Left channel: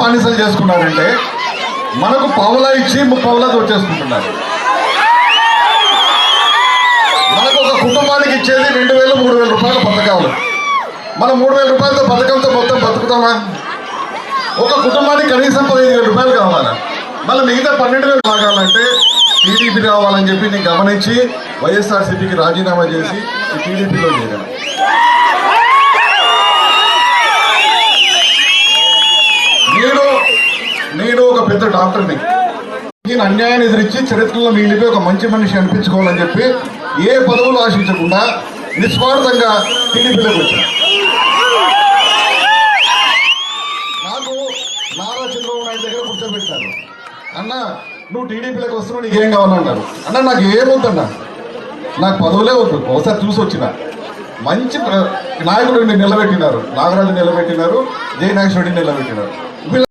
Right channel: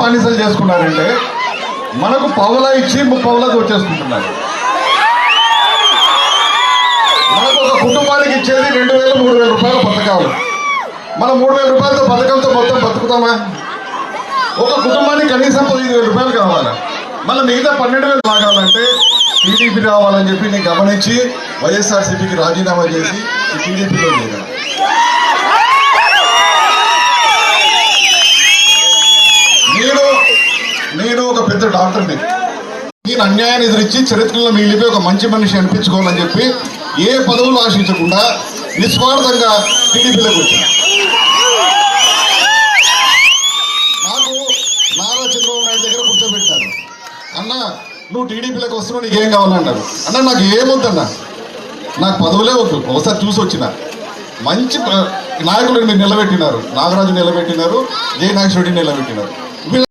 బానిసలు చేసుకున్నారంటే మనకు పావులా ఇచ్చి ముప్పావులా దోచేసుకుంటున్నారు. మనకు ఒక కుటుంబానికి ఇచ్చేది 2,000, 3,000 రూపాయల పథకాలు. మనం 3,000 రూపాయలతో పథకంతో మొత్తం బతుకుతామా? ఒక కుటుంబానికి కనీసం 15,000 రూపాయలు కావాలా? మళ్ళీ మిగతా 12,000 కావాలంటే టీడీపీ రావాలని చెప్పి నేను గమనించి వైఎస్ఆర్సీపీకి రాజీనామా చేసి ఈ టీడీపీలో చేరాను. నేను ఒక పెద్ద డాక్టర్ని. నేను అన్యాయాన్ని ఎదిరించి చరిత్రలో మిగిలిపోయి ఒక మంచి మనిషి అనిపించుకోవాలని చెప్పి ఏ పదవులు ఆశించకుండా నిస్వార్థంగా టీడీపీలోకి వచ్చాను. నాకు నారా చంద్రబాబు నాయుడు దగ్గర కూర్చోబెట్టారు. అన్న నువ్వు టీడీపీలోకి వస్తున్నావు, నీకేం కావాలన్నారు. అన్న నాకు ఏమొద్దన్నా, నాకు పదవులే వద్దు, ఒకసారి చూసి వచ్చిన మంచి నాయకులను మీరు నిలబెట్టినారు. నాగరాజు నిలబెట్టినారు, జై నాగేశ్వరరెడ్డిని నిలబెట్టినారు.